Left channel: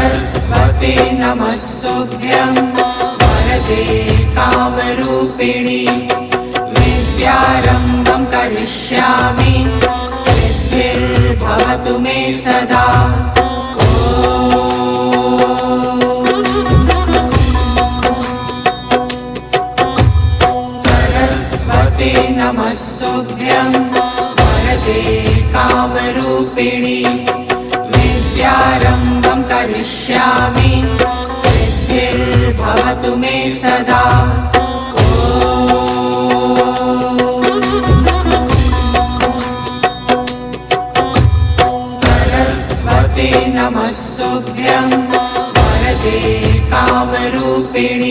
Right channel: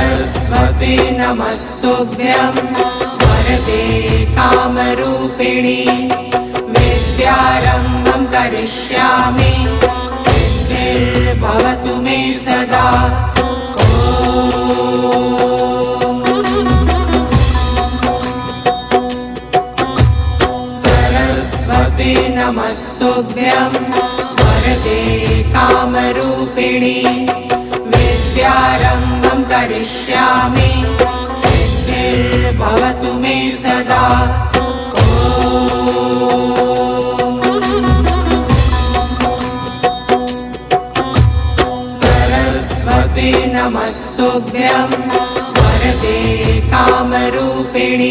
सरस्वते नमस्तुभ्यं वरदे कामरूपिणि विद्यारम्भं करिष्यामि सिद्धिर्भवतु मे सदा। सरस्वते नमस्तुभ्यं वरदे कामरूपिणि विद्यारम्भं करिष्यामि सिद्धिर्भवतु मे सदा। सरस्वते नमस्तुभ्यं वरदे कामरूपिणि